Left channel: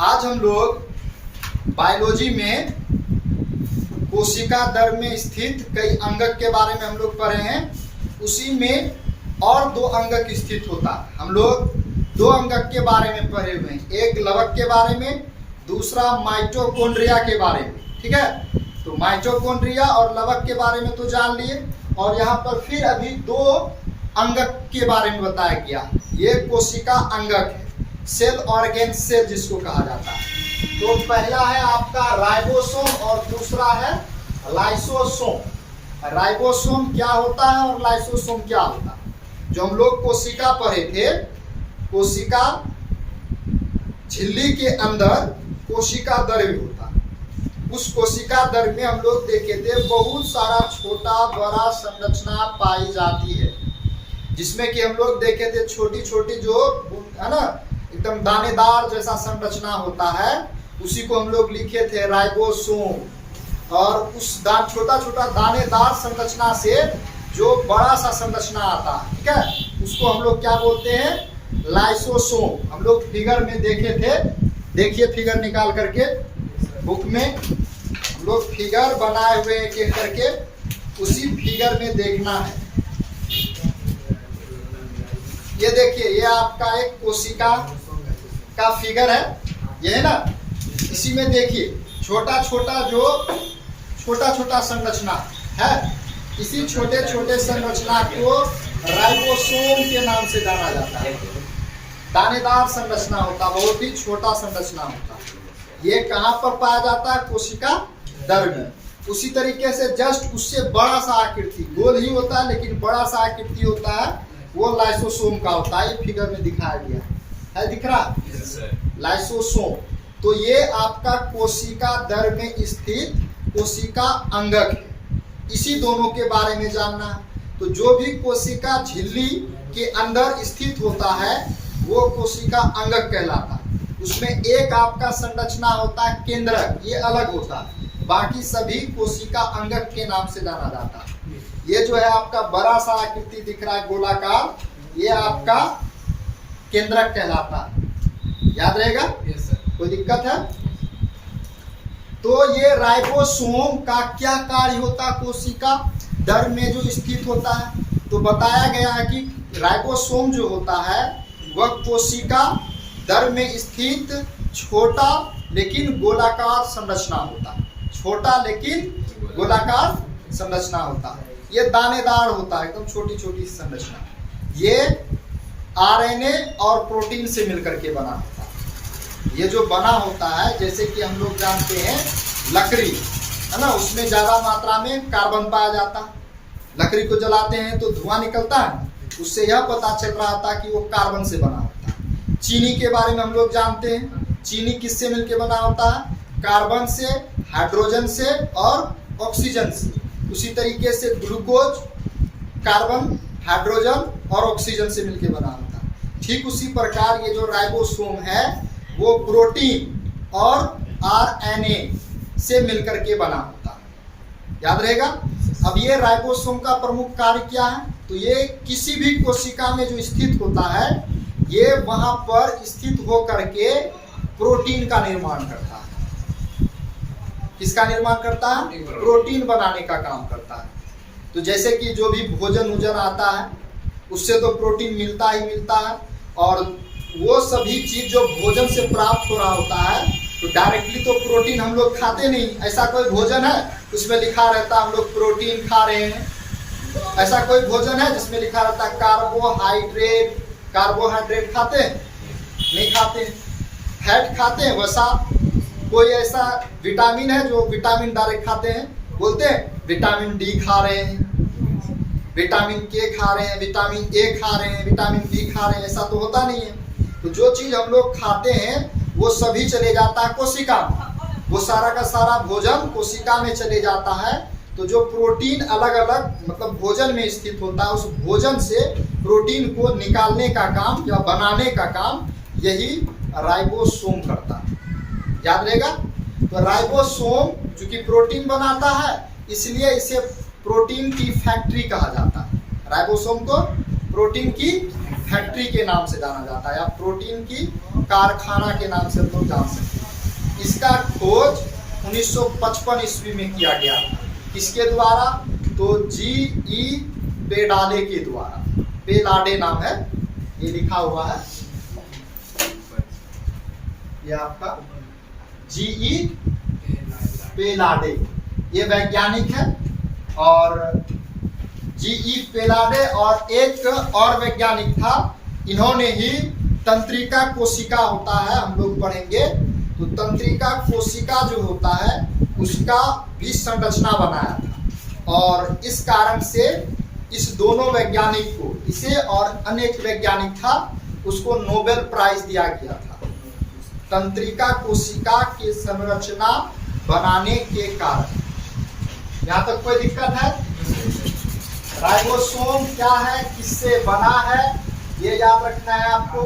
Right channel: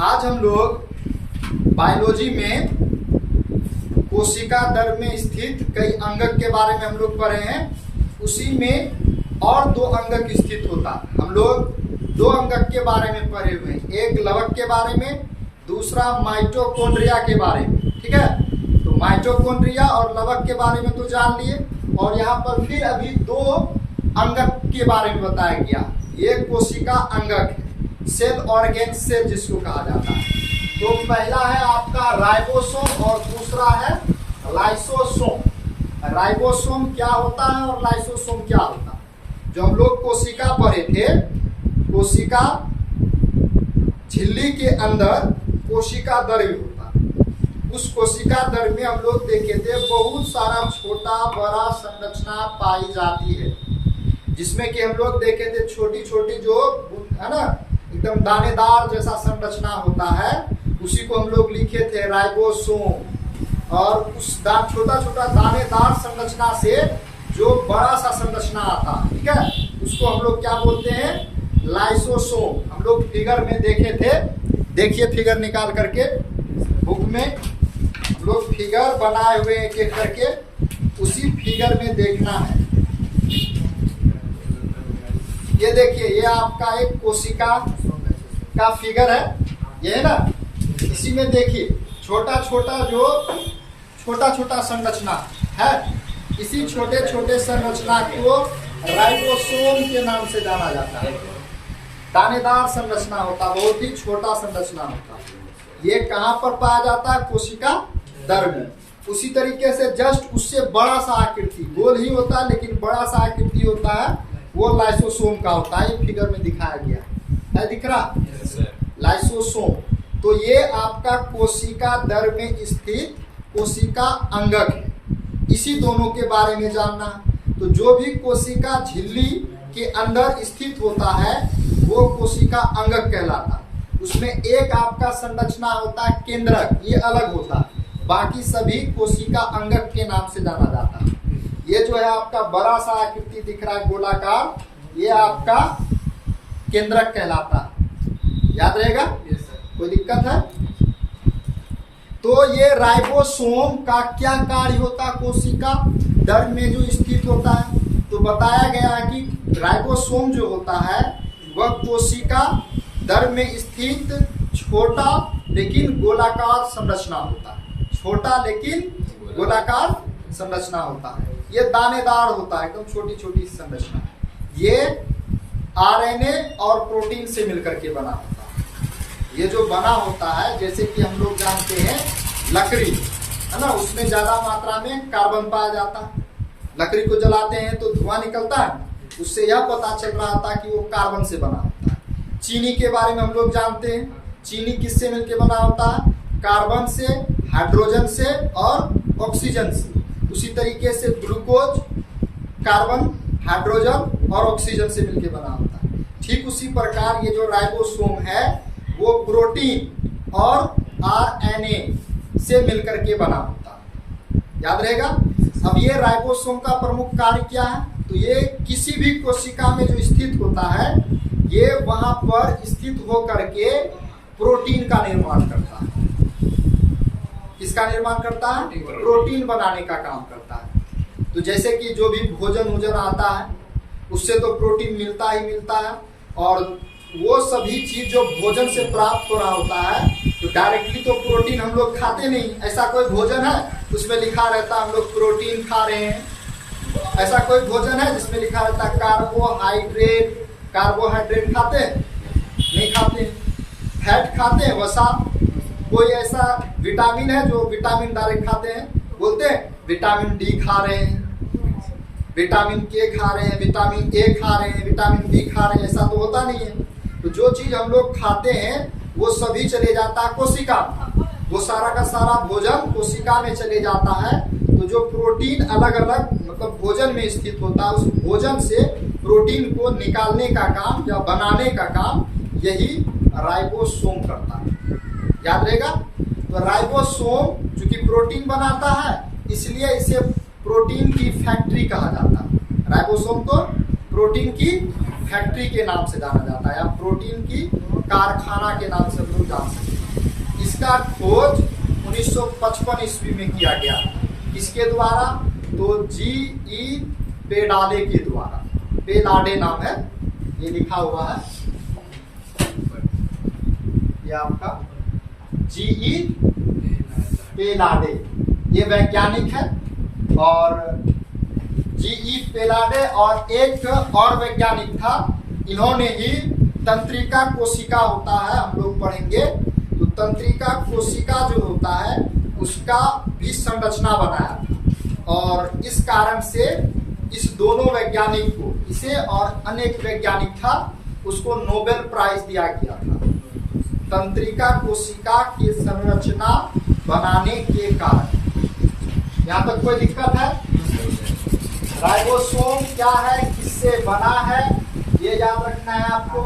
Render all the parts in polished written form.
आज हम लोग बायोलॉजी में कोशिका दर में स्थित कई अंगक के बारे में हम लोग पढ़े हैं। उसी में और दो अंगक स्थित होता है। हम लोग दो अंगक के बारे में पढ़े हुए हैं, एक लवक के बारे में, दूसरा माइटोकॉन्ड्रिया के बारे में। ठीक है, तो माइटोकॉन्ड्रिया और लवक के बारे में तो जान लिए, और यहाँ पर फिर अभी दो अंगक के बारे में बताया गया। ये कोशिका अंगक है, सेल ऑर्गेन सेल जिसको कहा जाता है। तो पहला है आपका राइबोसोम और दूसरा है लाइसोसोम। राइबोसोम क्या होता है और लाइसोसोम क्या होता है? जो हम लोग कोशिका पढ़े थे, कोशिका झिल्ली के अंदर कोशिका द्रव्य होता है। उस कोशिका द्रव्य में हम लोग देखे थे बहुत सारा छोटा बड़ा संरचना पाई जाती है, जिसमें कि हम लोग देखे थे छोटी छोटी जो है ना एकदम दानेदार जैसा संरचना होता है, उसी को हम लोग लिखे थे राइबोसोम। और उस छोटा छोटा दानेदार संरचना से जो बड़ा सा संरचना आता है, ठीक है, उसको हम लोग क्या बोलते हैं? लाइसोसोम। हम लोग फिगर में देखे थे, देखिए फिगर निकाल करके बुक में हम लोग फिगर बनाए हुए एक एक करके, उसी फिगर में देखना है। ये देखिए, ये आपका एक कोशिका का फिगर है, ये है ना। इसी में देखिए छोटा छोटा संरचना है। इसी छोटे छोटे संरचना को राइबोसोम के नाम से जाना जाता है। दानेदार संरचना होता, बहुत ही छोटा संरचना होता। ये कहाँ पर पाया जाता है? कोशिका द्रव्य में। उसी तरीके से जस्ट उससे बड़ा सा आकृति, गोल ही होता है लेकिन बड़ा सा आकृति होता है, वो लाइसोसोम का होता है। फिगर में दिखाया गया है, दिख रहा? लाइसोसोम। तो ये आपका कोशिका द्रव्य में स्थित कोशिका अंगक है। इसी दोनों के बारे में जानना है। तो जो भी कोशिका झिल्ली के अंदर स्थित होता है वो कोशिका अंगक कहलाता है। उसमें एक आपका संरचना होता है केंद्रक, ये अलग होता है। बाकी सभी कोशिका अंगक के नाम से जाना जाता है। ये जो है आपका बड़ा सा आकृति दिख रहा है गोलाकार, ये आपका केंद्रक कहलाता है। याद रहेगा? कोई दिक्कत है? तो ये राइबोसोम का क्या कार्य होता है? कोशिका द्रव्य में जो स्थित होता है, तो बताया गया है कि राइबोसोम जो होता है वह कोशिका द्रव्य में स्थित छोटा लेकिन गोलाकार संरचना होता है। छोटा लेकिन गोलाकार संरचना होता है। ये दानेदार होता है, एकदम छोटी छोटी संरचना। ये आरएनए और प्रोटीन से मिलकर के बना होता है। ये जो बना होता है, जैसे कि हम लोग जानते हैं लकड़ी है ना, उसमें ज्यादा मात्रा में कार्बन पाया जाता है। लकड़ी को जलाते हैं तो धुआं निकलता है, उससे यह पता चल रहा था कि वो कार्बन से बना होता है। चीनी के बारे में हम लोग जानते हैं, चीनी किससे मिलकर बना होता है? कार्बन से, हाइड्रोजन से और ऑक्सीजन से। उसी तरीके से ग्लूकोज कार्बन, हाइड्रोजन और ऑक्सीजन से मिलकर बना होता है। ठीक उसी प्रकार ये जो राइबोसोम है वो प्रोटीन और आरएनए से मिलकर के बना होता है। याद रहेगा? अब ये राइबोसोम का प्रमुख कार्य क्या है? तो ये किसी भी कोशिका में जो स्थित होता है, ये वहां पर स्थित होकर के प्रोटीन का निर्माण करता है। किसका निर्माण करता है? प्रोटीन बनाने का काम करता है। तो जैसे कि जो भी भोजन आता है उससे तो प्रोटीन मिलता ही मिलता है, और वो सभी चीज जो भोजन से प्राप्त हो रहा होता है, तो डायरेक्टली तो प्रोटीन हम लोग खाते नहीं। ऐसा कोई भोजन है उसमें लिखा रहता है हम लोग प्रोटीन खा रहे हैं? ऐसा कोई भोजन है जिसमें लिखा रहता है कार्बोहाइड्रेट? कार्बोहाइड्रेट खाते हैं? नहीं खाते। फैट खाते हैं? वसा कोई ऐसा विटामिन है जो विटामिन डायरेक्ट खाते हैं? बोलते हैं विटामिन डी खा रहे हैं, विटामिन के खा रहे हैं, विटामिन ए खा रहे हैं, विटामिन बी खा रहे हैं, ऐसा तो होता नहीं है। तो जो चीज हम लोग खाते हैं वो सभी चले जाता है कोशिका में। वो सारा का सारा भोजन कोशिका में चले जाता है। तो जो प्रोटीन अलग अलग मतलब भोजन में स्थित होता है, उस भोजन से प्रोटीन को निकालने का काम या बनाने का काम यही राइबोसोम करता है। याद रहेगा? तो राइबोसोम चूंकि प्रोटीन बनाता है, इसलिए इसे प्रोटीन की फैक्ट्री कहा जाता है। राइबोसोम को प्रोटीन की फैक्ट्री के नाम से जाना जाता है, या प्रोटीन की कारखाना के नाम से हम लोग जान सकते हैं। इसका खोज 1955 ईस्वी में किया गया था। किसके द्वारा? तो G.E. पेडाले के द्वारा। पेलाडे नाम है, ये लिखा हुआ है, ये आपका G.E. पेलाडे, ये वैज्ञानिक है। और G.E. पेलाडे और एक और वैज्ञानिक था, इन्होंने ही तंत्रिका कोशिका होता है, हम लोग पढ़ेंगे, तो तंत्रिका कोशिका जो होता है उसका भी संरचना बनाया था। और इस कारण से इस दोनों वैज्ञानिक को, इसे और अनेक वैज्ञानिक था, उसको नोबेल प्राइज दिया गया था तंत्रिका कोशिका की संरचना बनाने के कारण। यहाँ तक कोई दिक्कत है? राइबोसोम क्या है, किससे बना है, ये याद रखना है आपको।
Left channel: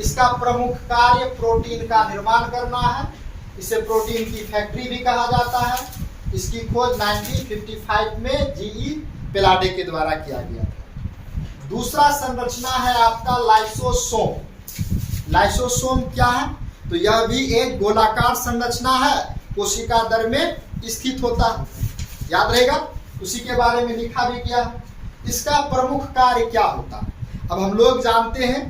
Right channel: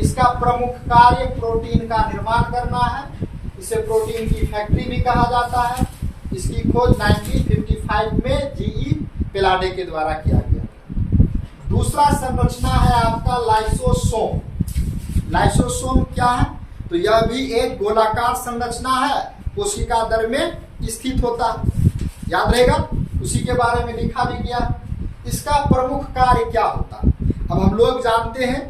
इसका प्रमुख कार्य प्रोटीन का निर्माण करना है। इसे प्रोटीन की फैक्ट्री भी कहा जाता है। इसकी खोज 1955 में G.E. पेलाडे के द्वारा किया गया था। दूसरा संरचना है आपका लाइसोसोम। लाइसोसोम क्या है? तो यह भी एक गोलाकार संरचना है, कोशिका दर में स्थित होता है, याद रहेगा, उसी के बारे में लिखा भी गया। इसका प्रमुख कार्य क्या होता है? अब हम लोग जानते हैं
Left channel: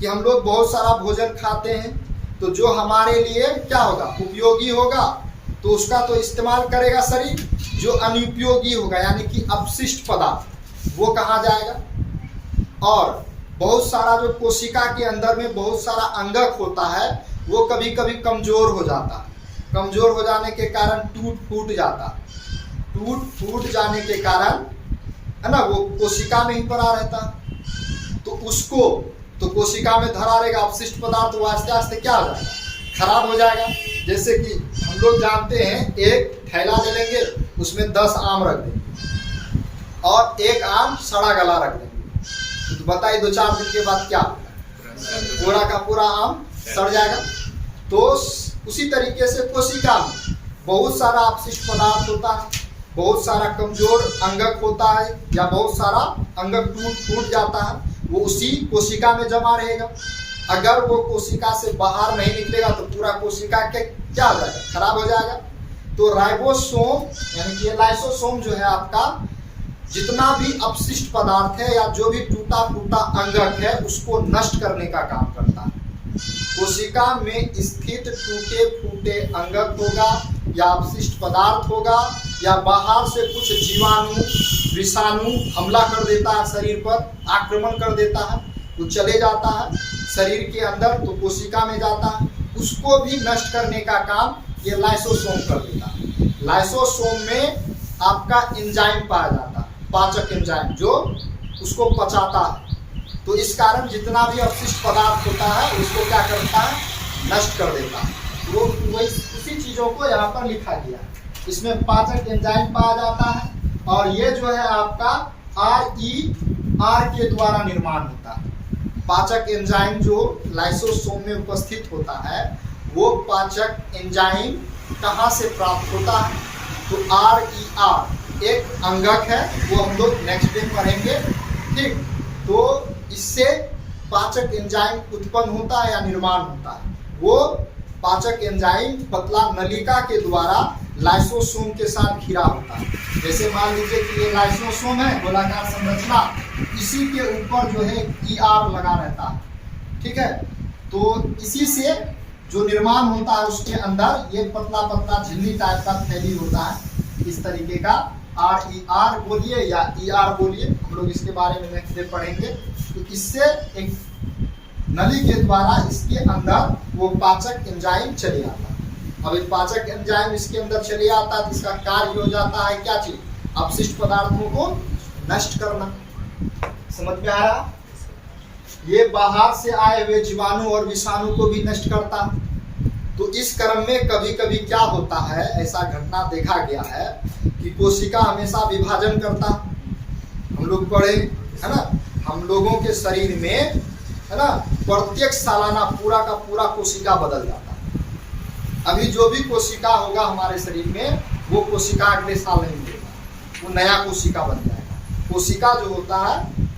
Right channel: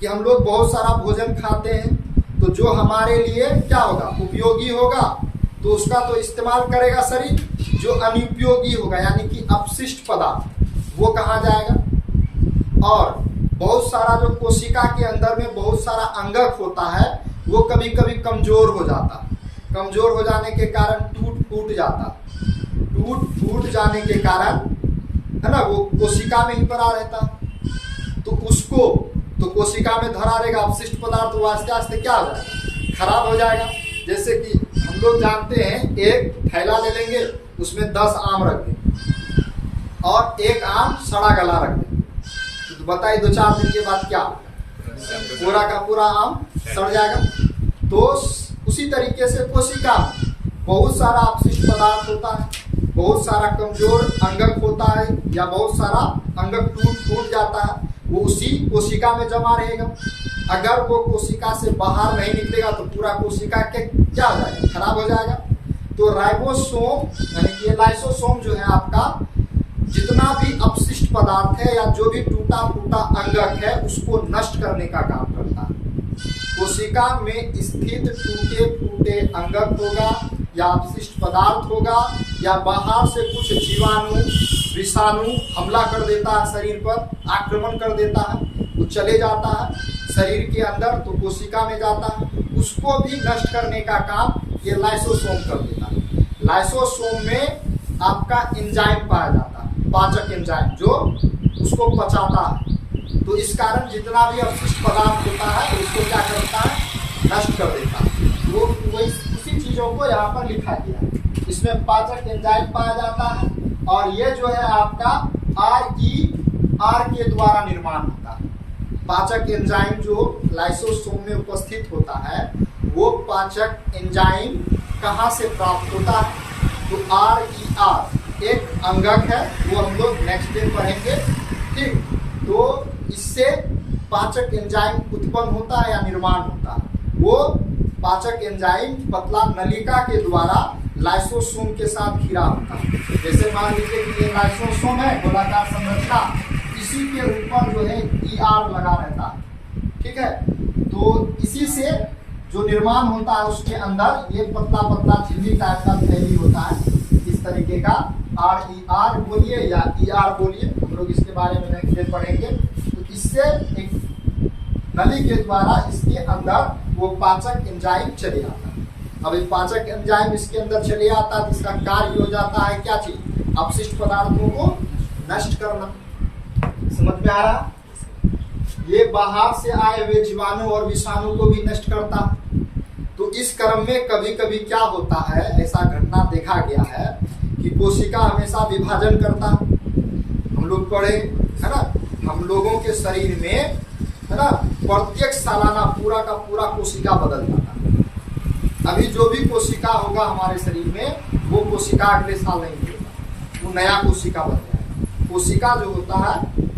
कि हम लोग बहुत सारा भोजन खाते हैं, तो जो हमारे लिए क्या होगा, उपयोगी होगा, तो उसका तो इस्तेमाल करेगा शरीर। जो अनुपयोगी होगा यानी कि अपशिष्ट पदार्थ, वो कहाँ जाएगा? और बहुत सारा जो कोशिका के अंदर में बहुत सारा अंगक होता है, वो कभी कभी कमजोर हो जाता है। कमजोर हो जाने के कारण टूट फूट जाता है। टूट फूट जाने के कारण, है ना, वो कोशिका में ही पड़ा रहता, तो उसको तो कोशिका में धरा रहेगा अपशिष्ट पदार्थ, वो आस्ते आस्ते क्या हो जाएगा, खराब हो जाएगा। जैसे कि हम लोग जानते हैं, एक थैला ले लेंगे, उसमें 10 आम रख देंगे और एक आम सड़ा गला रख देंगे, तो बताइए 2-4 दिन के बाद क्या होगा? पूरा का पूरा आम सड़ जाएगा। तो उसी तरीके से कोशिका में बहुत सारा अपशिष्ट पदार्थ होता है, बहुत सारा कमजोर अंगक होता है, या बहुत सारा अंगक टूट फूट जाता है, वो उसी कोशिका में जमा रहेगा। अगर वो कोशिका से बाहर नहीं निकलेगा तो पूरा कोशिका के क्या हो जाएगा, खराब हो जाएगा। तो राइबोसोम यानी कि लाइसोसोम जो है आपका, जितना भी अपशिष्ट पदार्थ है या जो भी टूटा फूटा अंगक है, उसको नष्ट करने का काम करता है। कोशिका में स्थित टूटे फूटे अंगक होगा या अपशिष्ट पदार्थ होगा, या बाहर से कुछ जीवाणु विषाणु हमला कर देता है शरीर पर, आक्रमण कर देता है, वो चले जाता है शरीर के अंदर, तो कोशिका में जाता है, उसको भी नष्ट करने का काम ये लाइसोसोम कर देता है। लाइसोसोम में आपका एंजाइम पाया जाता है, पाचक एंजाइम, जो उसको पचाता है। तो इस कारण जितना भी अपशिष्ट पदार्थ होता है उसको क्या करता है, नष्ट कर देता है। वो उसी चीज़ों को यहाँ पर लिखा गया है। इसमें पाचक एंजाइम पाया जाता है, और ये जो है आपका RER के द्वारा निर्माण होता है। पाचक एंजाइम जो लाइसोसोम में उपस्थित होता है, वो पाचक एंजाइम कहाँ से प्राप्त होता है? तो RER एक अंगक है, वो हम लोग नेक्स्ट डे पढ़ेंगे, ठीक। तो इससे पाचक एंजाइम उत्पन्न होता है या निर्माण होता है। वो पाचक एंजाइम पतला नलिका के द्वारा लाइसोसोम के साथ घिरा होता है। जैसे मान लीजिए कि ये लाइसोसोम है, गोलाकार संरचना, इसी के ऊपर जो है ER लगा रहता है, ठीक है। तो इसी से जो निर्माण होता है उसके अंदर ये पतला पतला झिल्ली टाइप का थैली होता है, इस तरीके का। RER बोलिए या ER बोलिए, हम लोग इसके बारे में नेक्स्ट डे पढ़ेंगे। तो इससे एक नली के द्वारा इसके अंदर वो पाचक एंजाइम चले आता है। अब एक पाचक एंजाइम इसके अंदर चले आता है, तो इसका कार्य हो जाता है क्या चीज, अपशिष्ट पदार्थों को नष्ट करना। समझ में आ रहा? ये बाहर से आए हुए जीवाणु और विषाणु को भी नष्ट करता है। तो इस क्रम में कभी कभी क्या होता है, ऐसा घटना देखा गया है कि कोशिका हमेशा विभाजन करता है। हम लोग पढ़े, है ना, हम लोगों के शरीर में, है ना, प्रत्येक सालाना पूरा का पूरा कोशिका बदल जाता है। अभी जो भी कोशिका होगा हमारे शरीर में, वो कोशिका अगले साल नहीं मिलेगा, वो नया कोशिका बन जाएगा। कोशिका जो होता है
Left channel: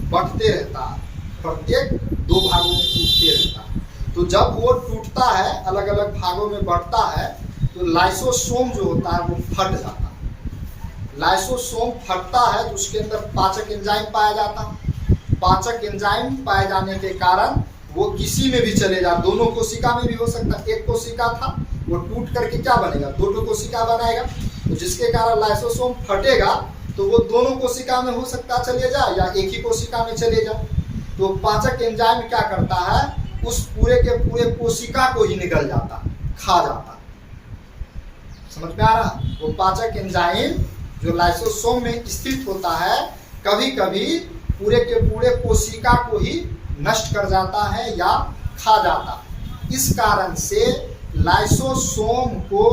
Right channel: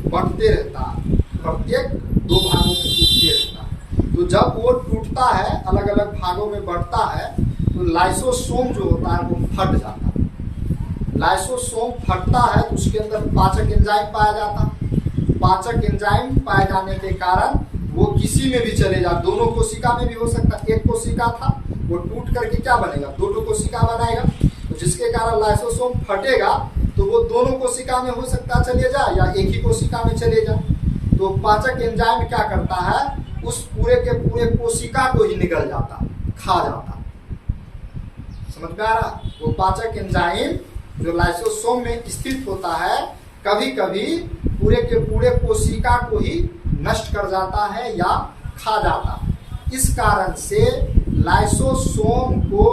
बढ़ते रहता है, प्रत्येक 2 भागों में टूटते रहता है। तो जब वो टूटता है, अलग अलग भागों में बढ़ता है, तो लाइसोसोम जो होता है वो फट जाता है। लाइसोसोम फटता है तो उसके अंदर पाचक एंजाइम पाया जाता है। पाचक एंजाइम पाए जाने के कारण वो किसी में भी चले जा, दोनों कोशिका में भी हो सकता है। एक कोशिका था, वो टूट करके क्या बनेगा, दो कोशिका बनाएगा, तो जिसके कारण लाइसोसोम फटेगा तो वो दोनों कोशिका में हो सकता है चले जाए या एक ही कोशिका में चले जाए। तो पाचक एंजाइम क्या करता है, उस पूरे के पूरे कोशिका को ही निकल जाता, खा जाता। समझ में आ रहा? वो पाचक एंजाइम जो लाइसोसोम में स्थित होता है, कभी कभी पूरे के पूरे कोशिका को ही नष्ट कर जाता है या खा जाता। इस कारण से लाइसोसोम को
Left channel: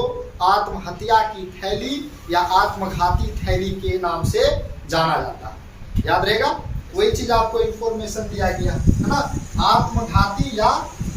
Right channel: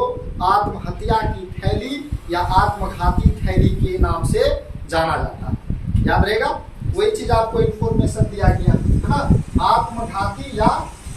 आत्महत्या की थैली या आत्मघाती थैली के नाम से जाना जाता। याद रहेगा, वही चीज आपको इंफॉर्मेशन दिया गया है ना, आत्मघाती या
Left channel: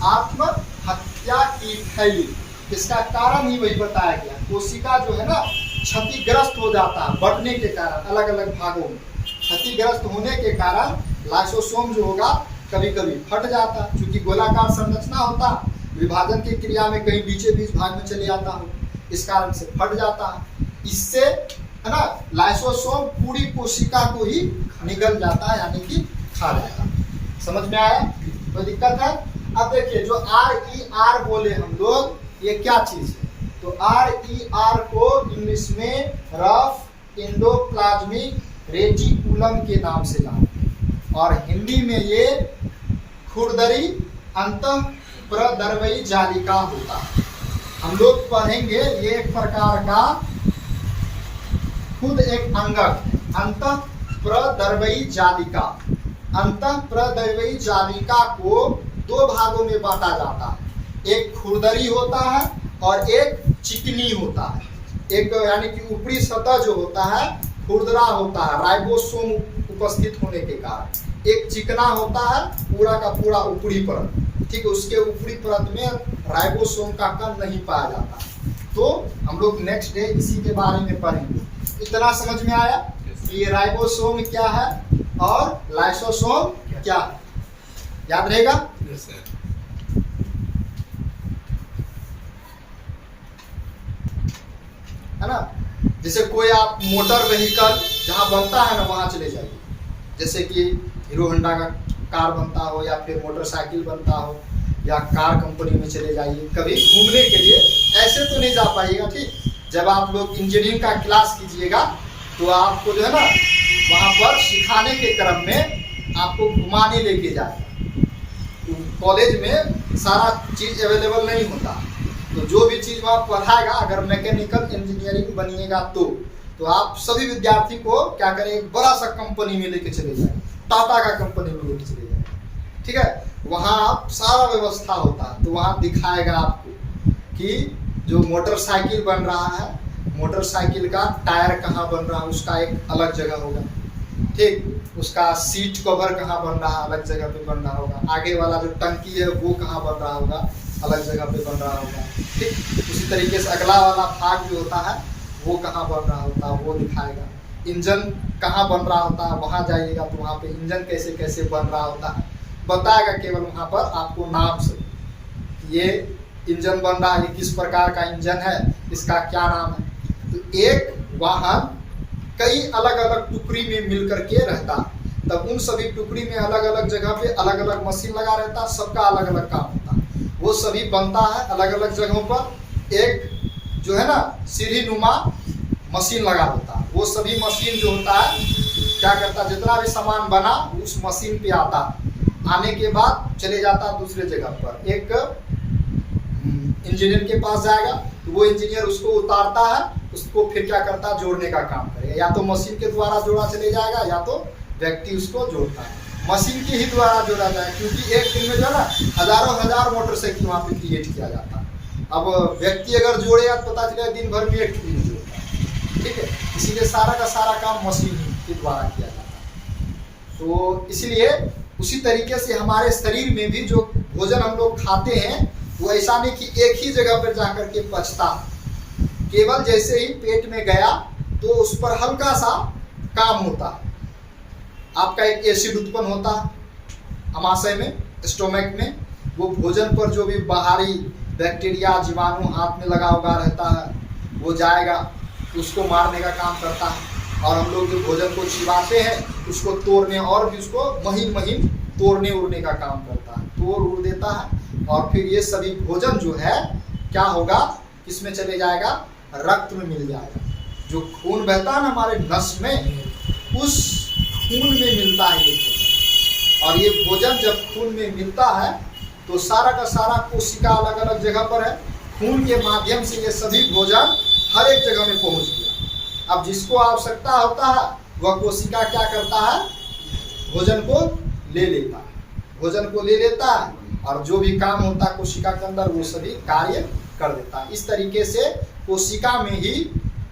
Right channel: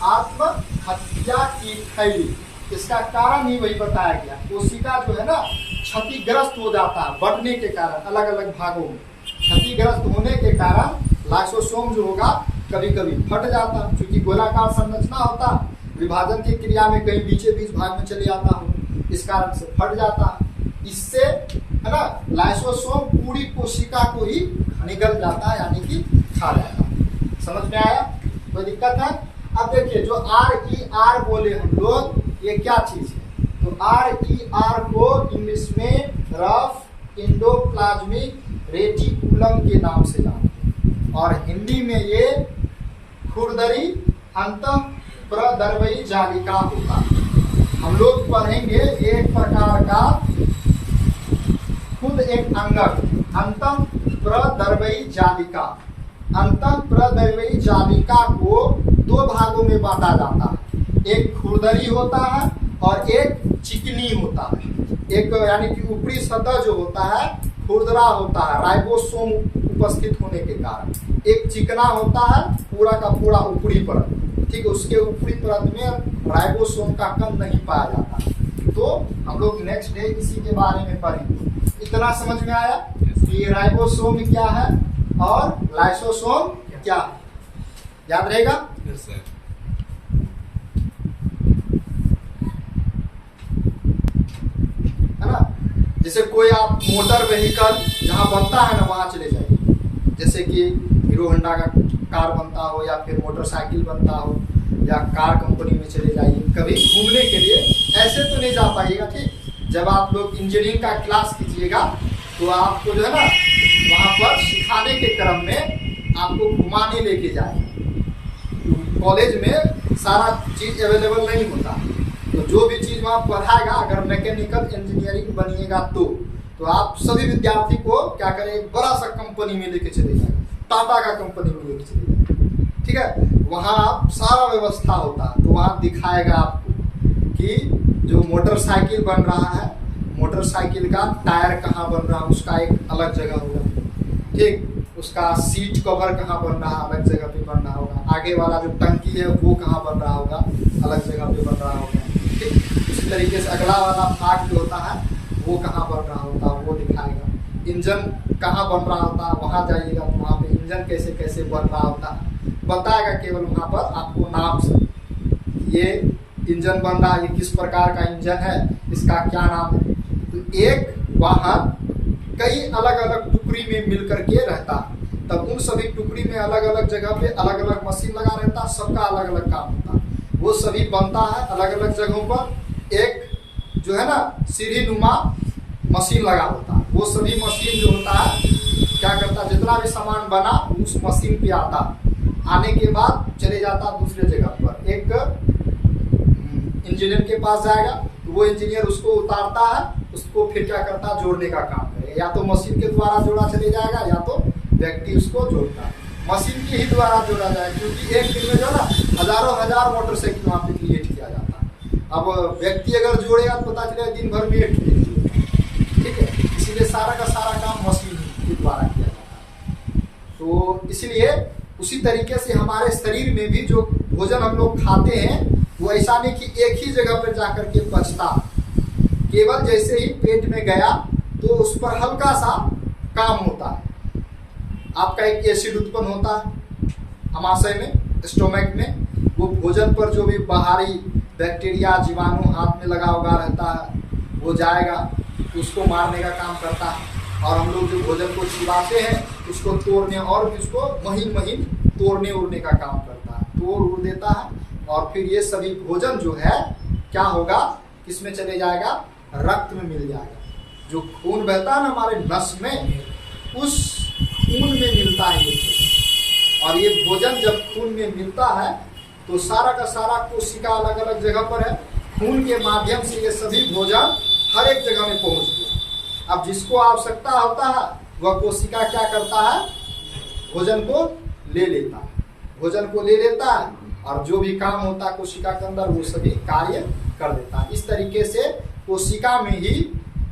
आत्महत्या की थैली। इसका कारण ही वही बताया गया, कोशिका जो है ना क्षतिग्रस्त हो जाता है बढ़ने के कारण, अलग अलग भागों में क्षतिग्रस्त होने के कारण लाइसोसोम जो होगा कभी कभी फट जाता, क्योंकि गोलाकार संरचना होता, विभाजन की क्रिया में कहीं बीचे बीच भाग में चले जाता हो, इस कारण से फट जाता है। इससे है ना लाइसोसोम पूरी कोशिका को ही निगल जाता है, यानी कि खा जाता है। समझ में आया? कोई दिक्कत है? अब देखिए जो RER बोले हम लोग, ये क्या चीज है? तो RER को इंग्लिश में रफ एंडोप्लाज्मिक रेटिकुलम के नाम से जानते हैं, और हिंदी में ये खुरदरी अंतःप्रदर्वी जालिका होता है। हम लोग पढ़ेंगे ये एक प्रकार का खुद एक अंगक, अंतःप्रदर्वी जालिका। अंतःप्रदर्वी जालिका को दो भागों में बांटा जाता है, एक खुरदरी होता है और एक चिकनी होता है। एक यानी कि ऊपरी सतह जो होता है खुरदरा होता है राइबोसोम उपस्थित होने के कारण, एक चिकना होता है पूरा का पूरा ऊपरी परत, ठीक है, उसके ऊपरी परत में राइबोसोम का कण नहीं पाया जाता। तो हम लोग नेक्स्ट डे इसी के बारे में पढ़ेंगे। इतना समझ में आया कि ये राइबोसोम क्या है और लाइसोसोम क्या है? याद रहेगा? है ना? जैसे कोई आप मोटर व्हीकल जहाँ बनता है ना वहाँ चले जाइए, जैसे कि हीरो होंडा का कार बनता हो या फिर मोटरसाइकिल बनता हो, या कार कंपनी में चले जाइए कभी घूमने के लिए। ऐसे तो नहीं जा पाइएगा, ठीक। जब आप लोग इंजीनियरिंग का क्लास कीजिएगा तो आपको जो है ना वहाँ पर सिखाने के क्रम में आपको घुमाने लेके जाएगा। कॉलेज में सारा चीज़ अवेलेबल नहीं होता, तो जो भी चीज़ वहाँ पढ़ाएगा, अगर मैकेनिकल इंजीनियरिंग बनिएगा तो आप सभी विद्यार्थी को क्या करें, एक बड़ा सा कंपनी में लेके चले जाए, टाटा का कंपनी में लेके चले जाए, ठीक है। वहाँ आप सारा व्यवस्था होता है, तो वहाँ दिखाएगा आपको कि जो मोटरसाइकिल बन रहा है, मोटरसाइकिल का टायर कहाँ बन रहा है उसका एक अलग जगह होगा, ठीक। उसका सीट कवर कहाँ बन रहा है अलग जगह पे बन रहा होगा, आगे वाला जो टंकी है वो कहाँ बन रहा होगा अलग जगह पे बन रहा होगा, ठीक। उसी तरीके से अगला वाला भाग जो होता है वो कहाँ बन रहा होता है वो दिखाएगा। इंजन कहाँ बन रहा होता है, वहाँ जाइएगा तो वहाँ पे इंजन कैसे कैसे बन रहा होता है बताएगा, केवल वहाँ पर आपको नाम से ये इंजन बन रहा है, ये किस प्रकार का इंजन है, इसका क्या नाम है। तो एक वाहन कई अलग अलग टुकड़ी में मिल करके रहता, तब उन सभी टुकड़ी में अलग अलग जगह पे अलग अलग मशीन लगा रहता, सबका अलग अलग काम होता, वो सभी बनता है अलग अलग जगहों पर। एक जो है ना सीढ़ी नुमा मशीन लगा होता है, वो सभी मशीन जो होता है क्या करता, जितना भी सामान बना उस मशीन पे आता, आने के बाद चले जाता दूसरे जगह पर, एक इंजीनियर के पास जाएगा तो वो इंजीनियर उसको उतारता है, उसको फिर क्या करता है जोड़ने का काम करेगा, या तो मशीन के द्वारा जोड़ा चले जाएगा या तो व्यक्ति उसको जोड़ता है, मशीन के ही द्वारा जोड़ा जाए, क्योंकि एक दिन में जो है ना हजारों हजार मोटरसाइकिल वहाँ पे क्रिएट किया जाता है। अब व्यक्ति अगर जोड़ेगा तो पता चलेगा दिन भर में एक नहीं जोड़ता, ठीक है, इसीलिए सारा का सारा काम मशीन के द्वारा किया जाता है। तो इसलिए उसी तरीके से हमारे शरीर में भी जो भोजन हम लोग खाते हैं वो ऐसा नहीं कि एक ही जगह पर जाकर के पचता, केवल जैसे ही पेट में गया तो उस पर हल्का सा काम होता है, आपका एक एसिड उत्पन्न होता है अमाशय में, स्टोमक में, वो भोजन पर जो भी बाहरी बैक्टीरिया जीवाणु हाथ में लगा हुआ रहता है वो जाएगा, उसको मारने का काम करता है। और हम लोग जो भोजन को चिबाते हैं उसको तोड़ने और भी उसको महीन महीन तोड़ने उड़ने का काम करता है, तोड़ उड़ देता है। और फिर ये सभी भोजन जो है क्या होगा, किसमें चले जाएगा, रक्त में मिल जाएगा। जो खून बहता है ना हमारे नस में, उस खून में मिलता है ये भोजन। और ये भोजन जब खून में मिलता है तो सारा का सारा कोशिका अलग अलग जगह पर है, खून के माध्यम से ये सभी भोजन हर एक जगह में पहुंच गया। अब जिसको आवश्यकता होता है वह कोशिका क्या करता है, भोजन को ले लेता है, भोजन को ले लेता है और जो भी काम होता है कोशिका के अंदर वो सभी कार्य कर देता है। इस तरीके से कोशिका में ही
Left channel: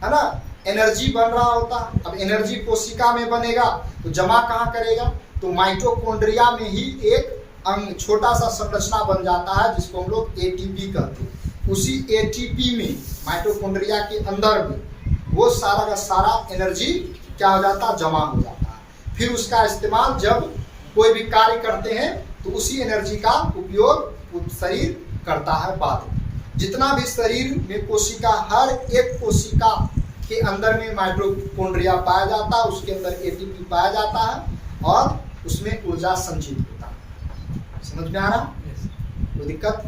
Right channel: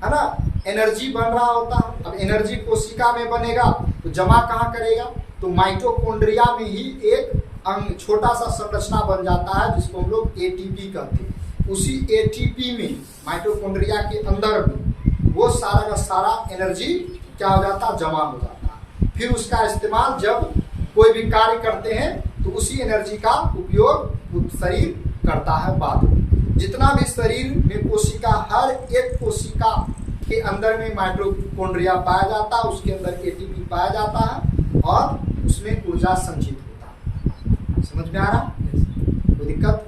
है ना एनर्जी बन रहा होता है। अब एनर्जी कोशिका में बनेगा तो जमा कहाँ करेगा, तो माइटोकॉन्ड्रिया में ही एक अंग छोटा सा संरचना बन जाता है जिसको हम लोग एटीपी कहते हैं। उसी एटीपी में माइटोकॉन्ड्रिया के अंदर में वो सारा का सारा एनर्जी क्या हो जाता है, जमा हो जाता है। फिर उसका इस्तेमाल जब कोई भी कार्य करते हैं तो उसी एनर्जी का उपयोग शरीर करता है बाद में। जितना भी शरीर में कोशिका, हर एक कोशिका के अंदर में माइटोकॉन्ड्रिया पाया जाता है, उसके अंदर एटीपी पाया जाता है और उसमें ऊर्जा संचित होता है। समझ में आ रहा, कोई दिक्कत?